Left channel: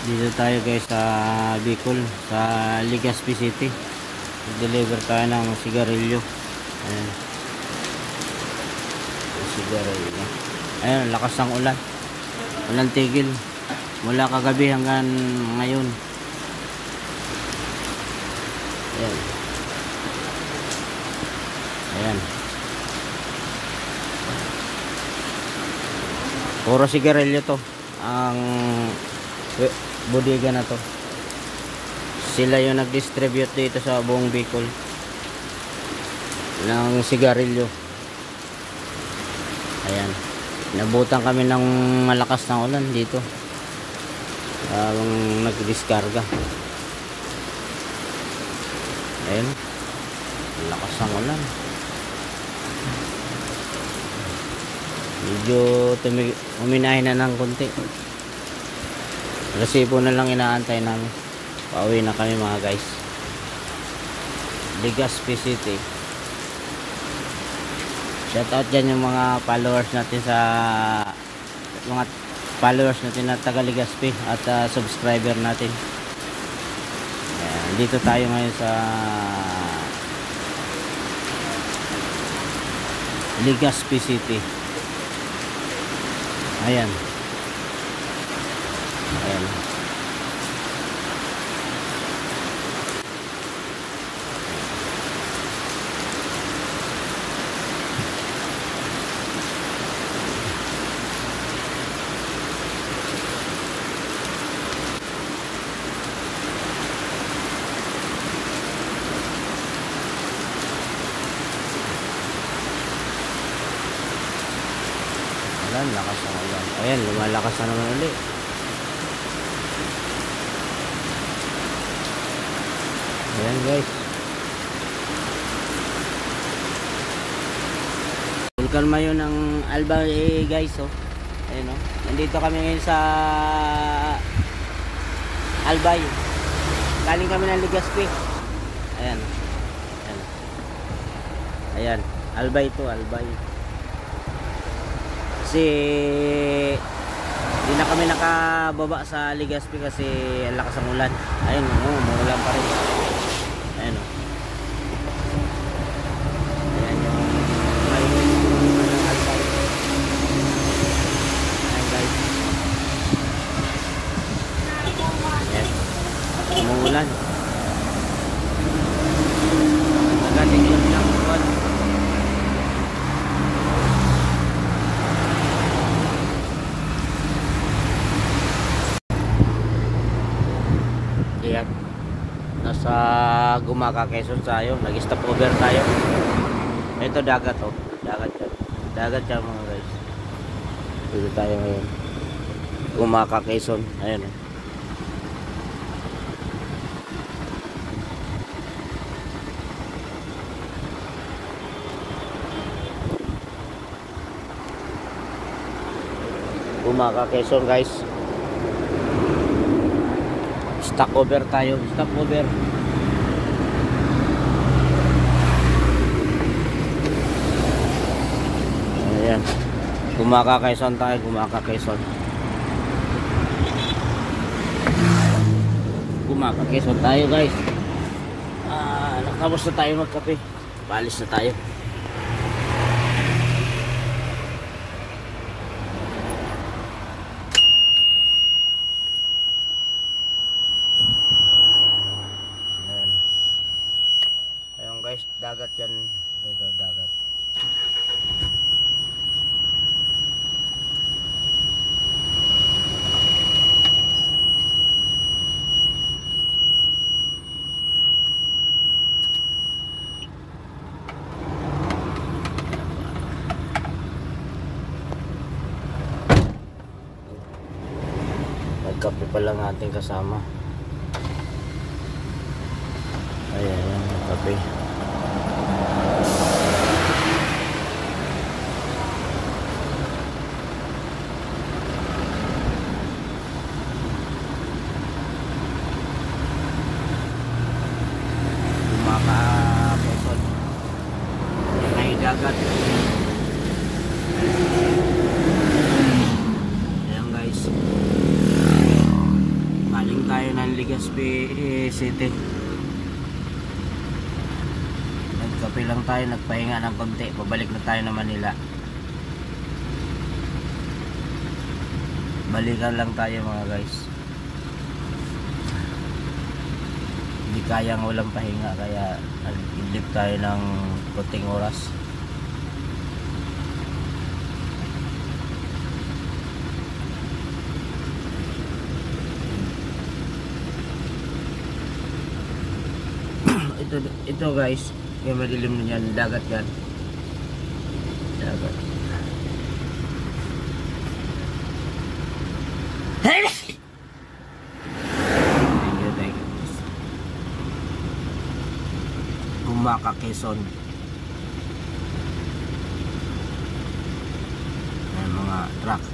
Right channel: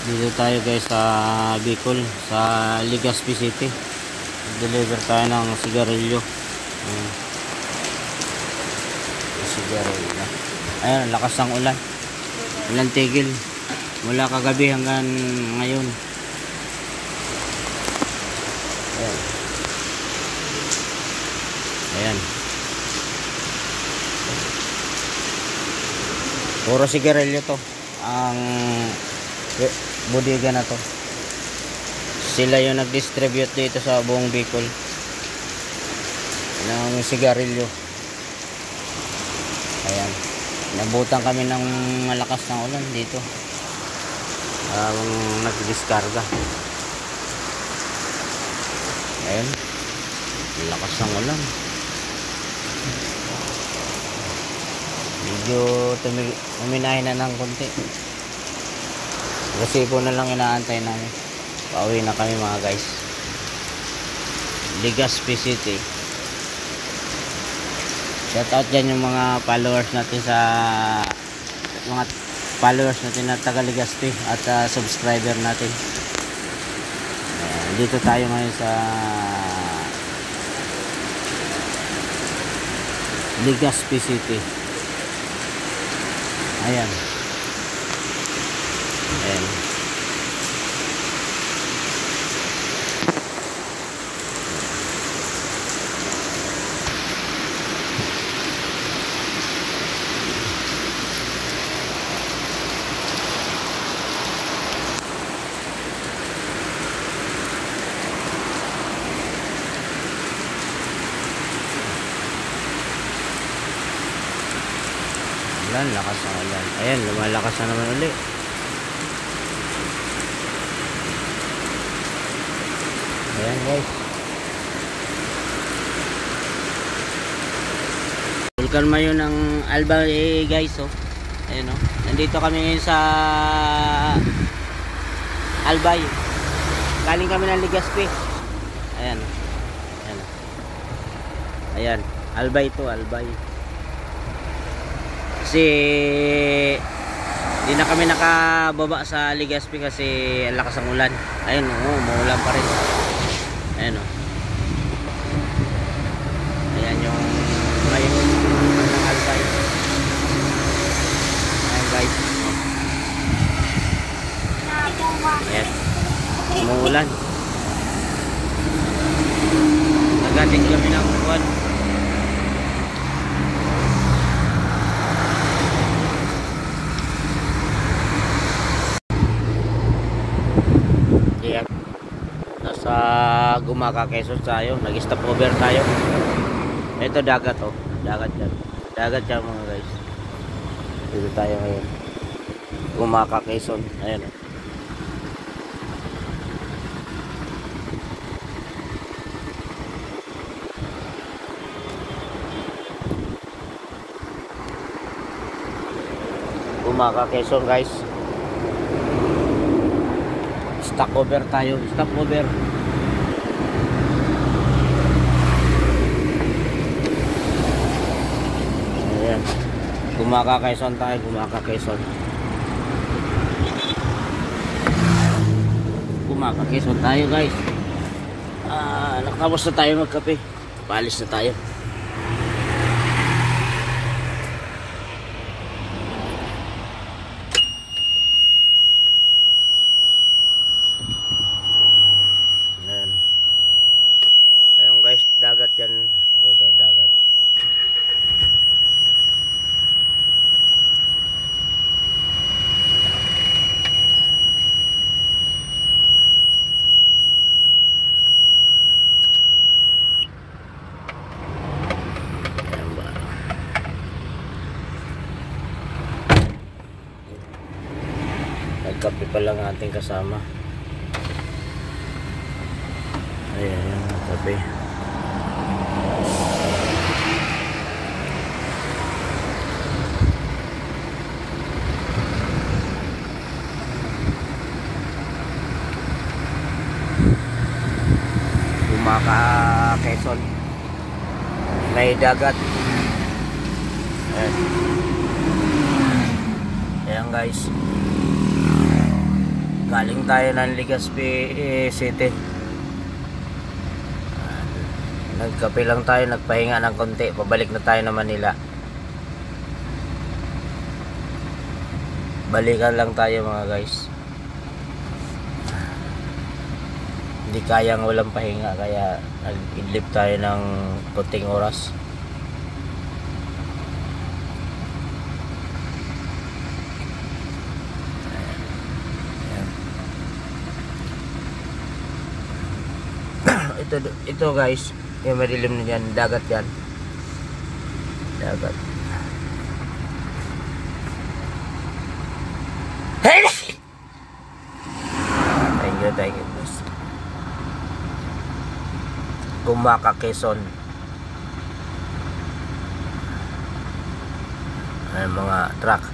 Dito tayo guys sa Bicol, sa Legazpi City. Deliver tayo ng sigarilyo. Ayan. Sigarilyo. Ayun, lakas ng ulan. Walang tigil. Mula kagabi hanggang ngayon. Ayan. Ayan. Puro sigarilyo to. Ang bodega na to. Sila yung nag-distribute dito sa buong Bicol ng sigarilyo. Ayan. Nabutan kami ng malakas na ulan dito. Nag-diskarga. Ayan. Malakas ng ulan. Medyo uminahin na ng konti. Kasi po na lang inaantay namin. Pauwi na kami mga guys. Legazpi City. Shout out dyan yung mga followers natin na taga Legazpi at subscriber natin. Dito tayo ngayon sa Legazpi City. Ayan. Ayan. Ulan, lakas ng ulan. Ayan, lumalakas na naman ulit. Ayan guys. Vulkan Mayo ng Albay guys, oh. Ayan, oh. Nandito kami ngayon sa Albay. Galing kami ng Legazpi. Ayan. Ayan. Ayan. Albay to, Albay. Kasi hindi na kami nakababa sa Legazpi kasi ang lakas ng ulan. Ayun, umuulan pa rin. Ayan, o. Ayan yung ayan guys. Ayan, umuulan. Nagating kami ng ulan. Nasa Gumaka, Quezon tayo. Nag-stop over tayo. Ito dagat, oh. Dagat yan. Dagat yan mga guys. Dito tayo ngayon. Gumaka, Quezon. Ayan, oh. Gumaka, Quezon guys. Stop over tayo. Stop over. Ayan. Gumaka, Quezon tayo. Gumaka, Quezon. Gumaka, Quezon tayo guys. Nakabos na tayo magkape. Paalis na tayo. Ayun guys, dagat yan. Dito, dagat. Nagkape pa lang ating kasama. Ayan, yung kape. Gumaka, Quezon. May dagat. Ayan guys. tayo ng Legazpi City. Nagkape lang tayo, nagpahinga ng konti, pabalik na tayo ng Manila. Balikan lang tayo mga guys. Hindi kayang walang pahinga, kaya nag-idlip tayo ng konting oras. Ito guys, yung madilim na dyan, dagat yan. Dagat. Thank you. Gumaka, Quezon. Ay, mga truck.